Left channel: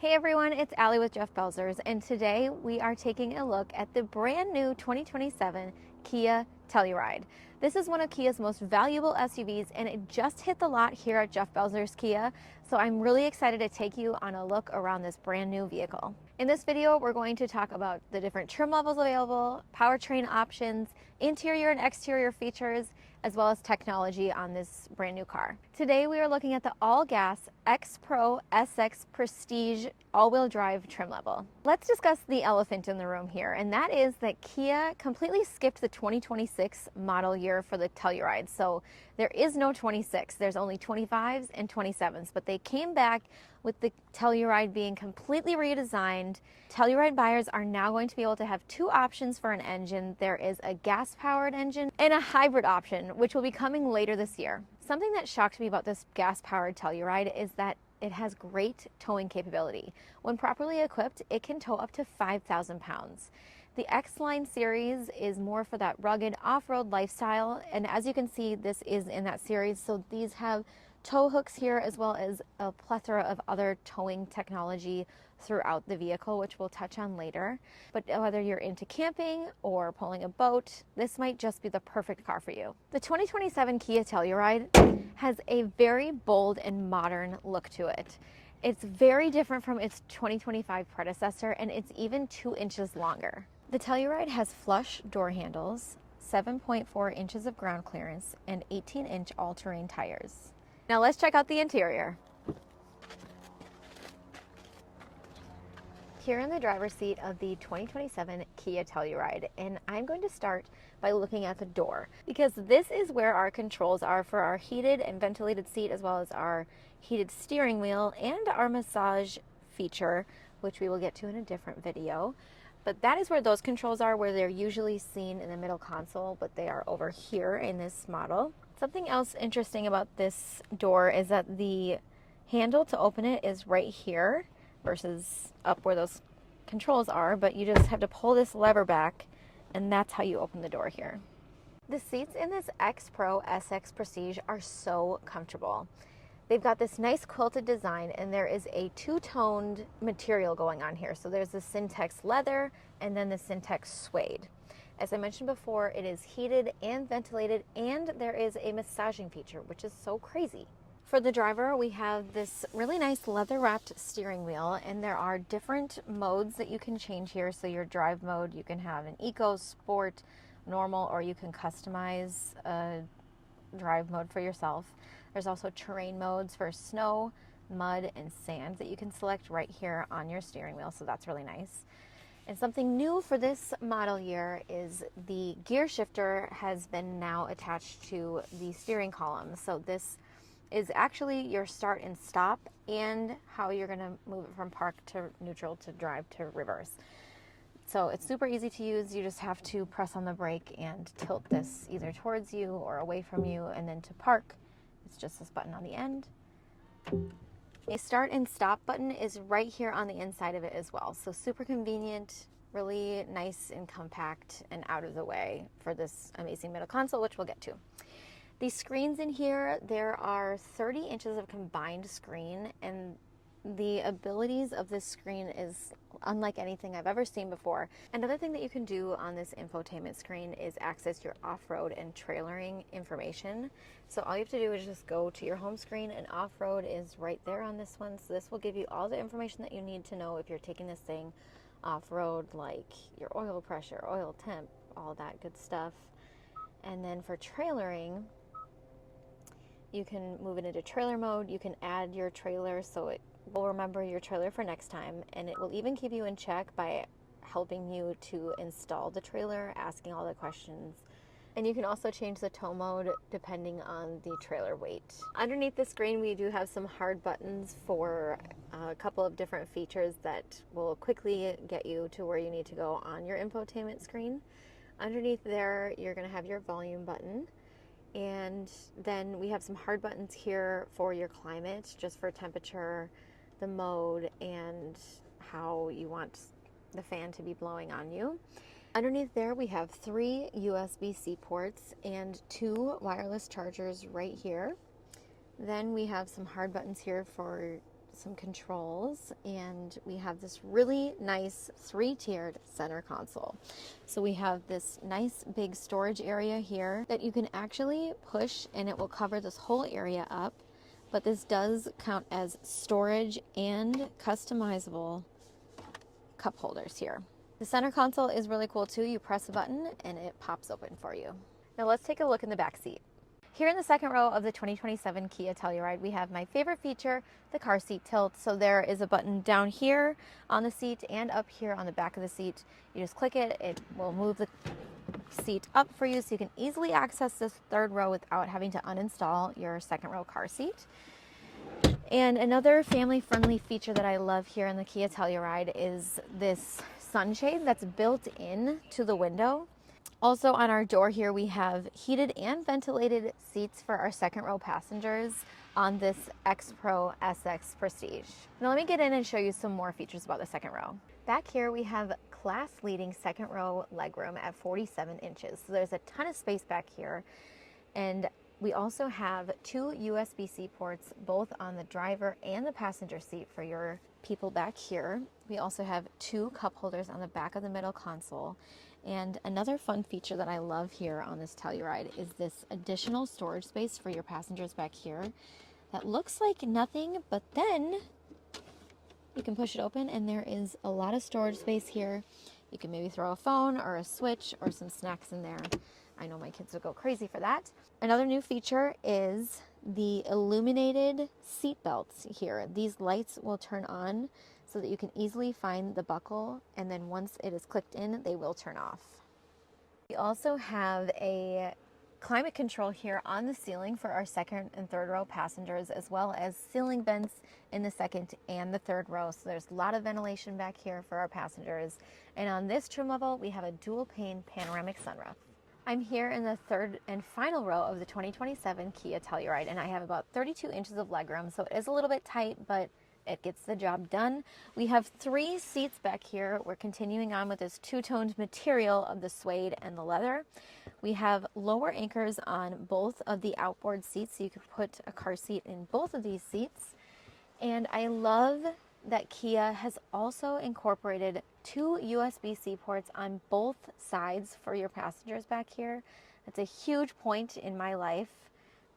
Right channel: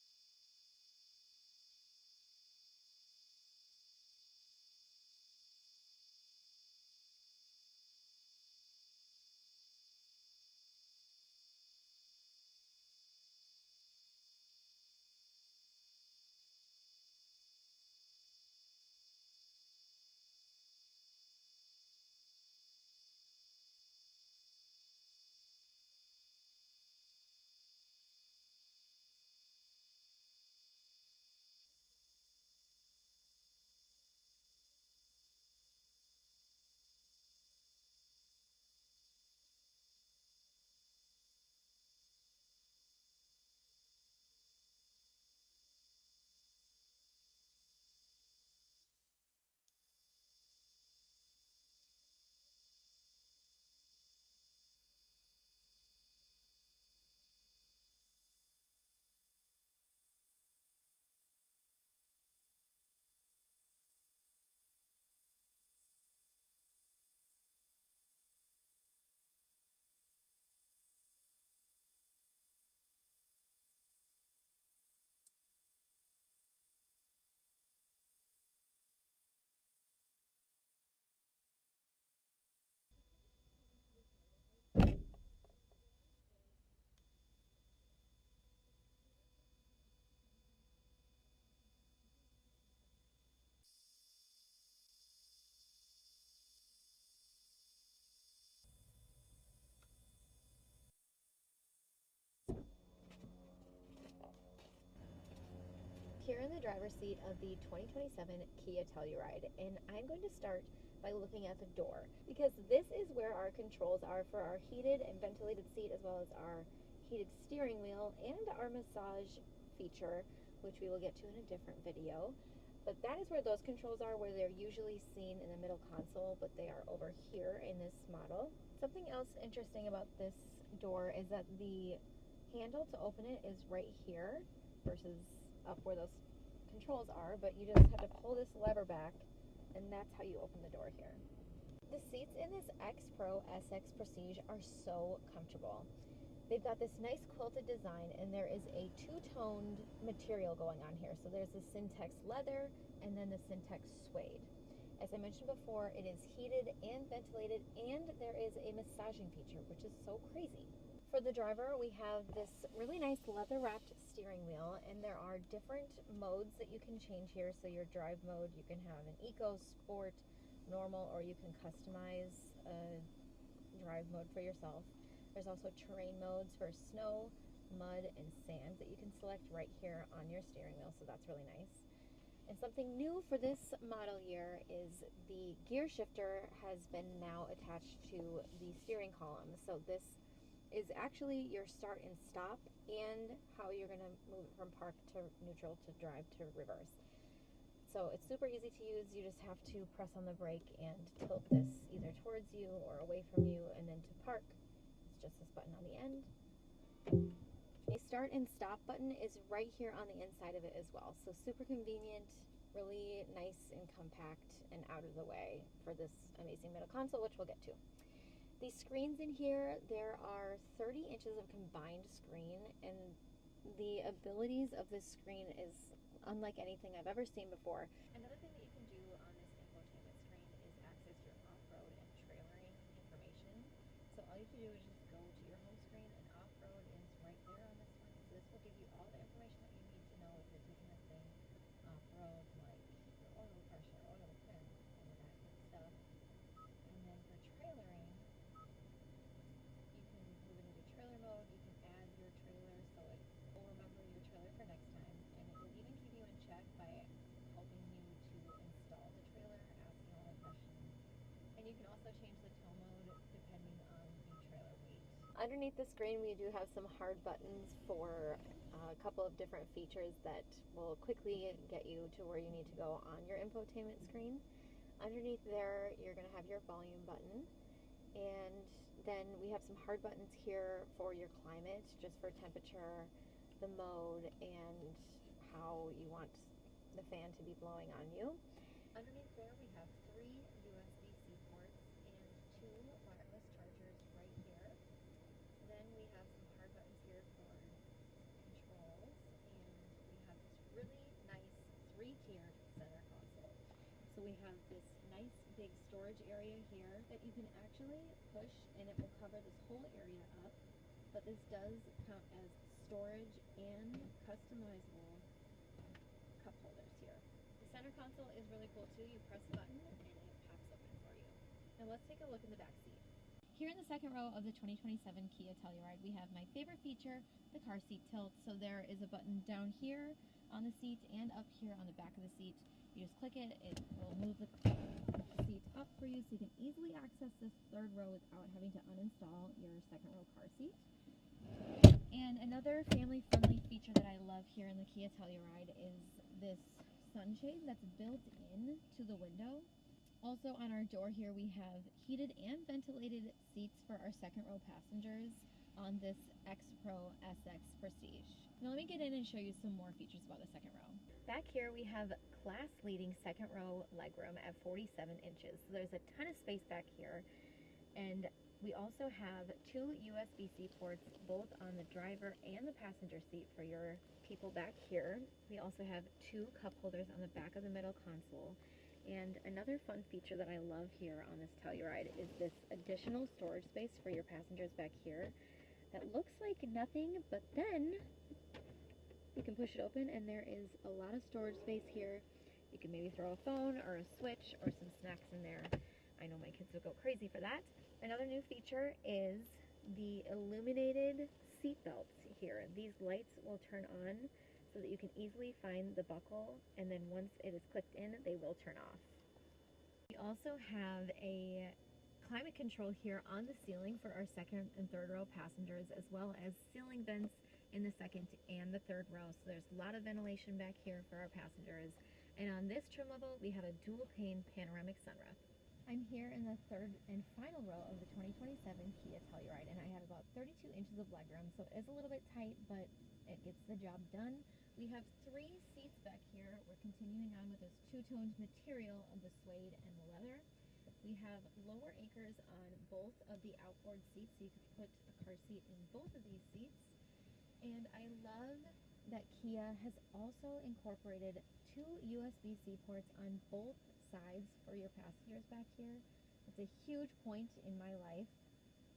Hey everyone, it's Allye with Jeff Belzers, and today we are taking a look at the brand new 2027 Kia Telluride. This is one of Kia's most valuable SUVs, and it just hit the lot here at Jeff Belzers Kia, so I'm really excited to take you on a look around this brand new vehicle. In this video, we're going to talk about the different trim levels available, powertrain options, interior and exterior features, as well as technology on this brand new car. Today we are looking at the all-gas X-Pro SX Prestige all-wheel drive trim level. Let's discuss the elephant in the room here, and that is that Kia completely skipped the 2026 model year for the Telluride. So there is no 26, there's only 25s and 27s, but they came back with the Telluride being completely redesigned. Telluride buyers are now going to be able to have two options for an engine. There is a gas-powered engine and a hybrid option, which will be coming later this year. Something that shocked me about this gas-powered Telluride is that it has great towing capability. When properly equipped, it can tow up to 5,000 pounds. The X-Line series is more for that rugged off-road lifestyle, and as you can see, this is in that series. So these have tow hooks here, as well as a plethora of other towing technology throughout the vehicle, which we'll touch on later. But whether you're into camping or pulling a boat, this might just be the perfect car for you. The 2027 Kia Telluride has a very bold and modern look to it. It's very different from its 2025 predecessor, and it's even 2 inches longer. The Telluride has flush door handles, 7.4 inches of ground clearance, and 18-inch all-terrain tires. Now let's check out the interior. Here in the driver's seat of the 2027 Kia Telluride, and I'm going to start by looking at the door, because this is where our controls are for our heated and ventilated seat, as well as our heated steering wheel and our massage feature, which we will get to in a different video. But that is where those controls are, where they're usually seen in the middle console, but they are over here in this model. Something else interesting about this door is that the handle to open it is right here versus up where those controls are, but you just have to pull this lever back, and that's how you open the door here. The seats in this X-Pro SX Prestige are so comfortable. They've got this nice quilted design, and there is a two-toned material going on here. So there's the Syntex leather and then the Syntex suede. As I mentioned before, it is heated and ventilated, and there is a massaging feature, which is so crazy. For the driver, we have this really nice leather-wrapped steering wheel, and there are different modes that you can change here. So your drive mode, you can have an eco, sport, normal, or you can customize a drive mode for yourself. There's also terrain modes for snow, mud, and sand that you can select right here on your steering wheel, so that's really nice. And something new for this model year is the gear shifter has been now attached to the steering column. So this is actually your start and stop, and how you're going to move it from park to neutral to drive to reverse. So it's super easy to use. You just have to press on the brake and tilt this either towards you or away from you, and then to park, it's just this button on the end. A start and stop button is right here on the inside of it as well. So super convenient, really nice and compact and out of the way for this amazing middle console, which we'll get to. These screens in here, there are 30 inches of combined screen, and the abilities of this screen is unlike anything I've ever seen before. Another thing that you can do on this infotainment screen is access your off-road and trailering information. So all you have to do is just go to your home screen, and off-road is right there on this one. So this will give you all the information that you need to know if you're taking this thing off-road, like your oil pressure, oil temp, all that good stuff. And then for trailering, you can move it into trailer mode. You can add your trailer so it will remember your trailer for next time, and it will even keep you in check by helping you to install the trailer, asking all the questions. And you can also change the tow mode depending on the trailer weight. Underneath the screen, we do have some hard buttons for a couple of different features that will quickly get you to where you need to go on your infotainment screen. Underneath there, you're going to have your volume button. And then we have some hard buttons here for your climate, just for temperature, the mode, and how you want the fan to be blowing on you. Underneath there, we have 3 USB-C ports and 2 wireless chargers right here. Then we have some hard buttons here for some controls, and we have this really nice 3-tiered center console. So we have this nice big storage area here that you can actually push and it will cover this whole area up, but this does count as storage and customizable cup holders here. The center console is really cool too. You press a button and it pops open for you. Now let's take a look in the back seat. Here in the second row of the 2027 Kia Telluride, we have my favorite feature, the car seat tilt. So there is a button down here on the seat and up here on the back of the seat. You just click it, it will move the seat up for you so you can easily access this third row without having to uninstall your second row car seat. And another family-friendly feature that I love here in the Kia Telluride is this sunshade that's built in to the window. Also on our door here, we have heated and ventilated seats for our second row passengers on this X Pro SX Prestige. Now let me get in and show you some more features about the second row. Back here we have class-leading second row legroom at 47 inches. So there's a ton of space back here. And we also have 2 USB-C ports, both on the driver and the passenger seat for your people back here. We also have 2 cup holders on the back of the middle console. And another fun feature that I love here on this Telluride is this additional storage space for your passengers back here that looks like nothing, but then you can push it open and there is a lot of storage space here. You can maybe throw a phone or a Switch or some snacks in there. I know my kids would go crazy for that. Another new feature is the illuminated seat belts here. These lights will turn on so that you can easily find the buckle, and then once it is clicked in, they will turn off. We also have a climate control here on the ceiling for our second and third row passengers, as well as ceiling vents in the second and the third row. So there's a lot of ventilation back here for our passengers. And on this trim level, we have a dual pane panoramic sunroof. I'm here in the third and final row of the 2027 Kia Telluride, and I have about 32 inches of legroom, so it is a little bit tight, but it gets the job done. We have 3 seats back here. We're continuing on with this two-toned material of the suede and the leather. We have lower anchors on both of the outboard seats, so you can put a car seat in both of these seats. And I love that Kia has also incorporated 2 USB-C ports on both sides for your passengers back here. That's a huge point in my life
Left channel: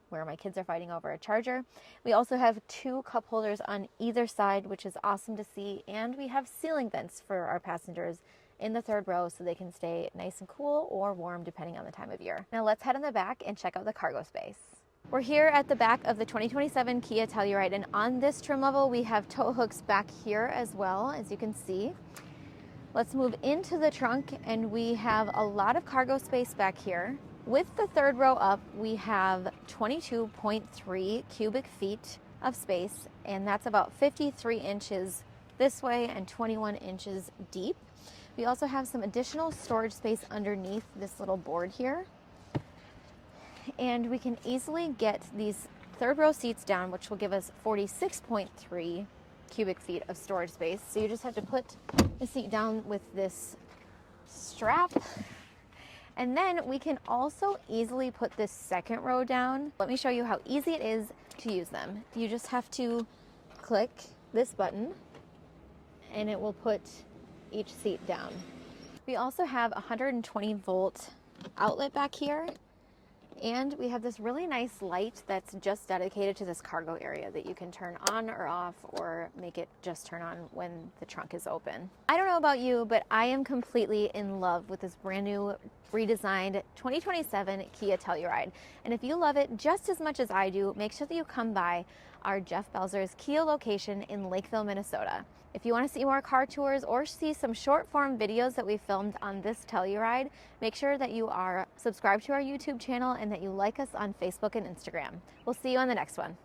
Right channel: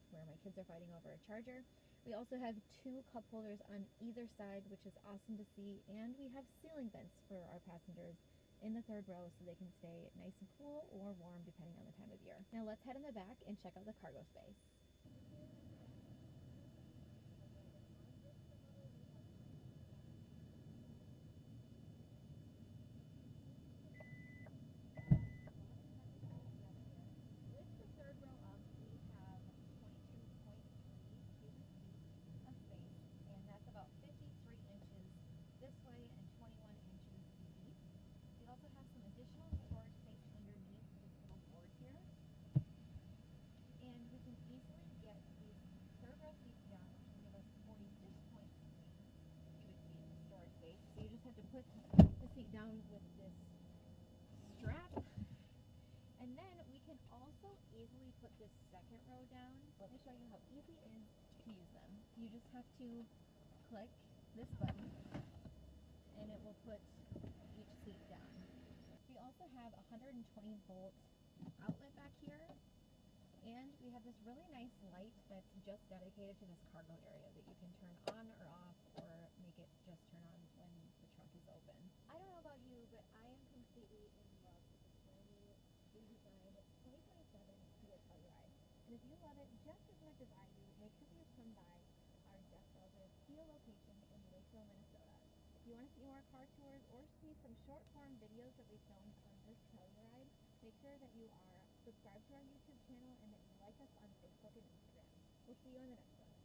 where my kids are fighting over a charger. We also have 2 cup holders on either side, which is awesome to see. And we have ceiling vents for our passengers in the third row so they can stay nice and cool or warm depending on the time of year. Now let's head in the back and check out the cargo space. We're here at the back of the 2027 Kia Telluride, and on this trim level we have tow hooks back here as well, as you can see. Let's move into the trunk, and we have a lot of cargo space back here. With the third row up, we have 22.3 cubic feet of space, and that's about 53 inches this way and 21 inches deep. We also have some additional storage space underneath this little board here. And we can easily get these third row seats down, which will give us 46.3 cubic feet of storage space. So you just have to put the seat down with this strap. And then we can also easily put this second row down. Let me show you how easy it is to use them. You just have to click this button and it will put each seat down. We also have a 120 volt outlet back here. And we have this really nice light that's just dedicated to this cargo area that you can turn on or off or make it just turn on when the trunk is open. I don't know about you, but I am completely in love with this brand new redesigned 2027 Kia Telluride. And if you love it just as much as I do, make sure that you come by our Jeff Belzer's Kia location in Lakeville, Minnesota. If you want to see more car tours or see some short form videos that we filmed on this Telluride, make sure that you are subscribed to our YouTube channel and that you like us on Facebook and Instagram. We'll see you on the next one.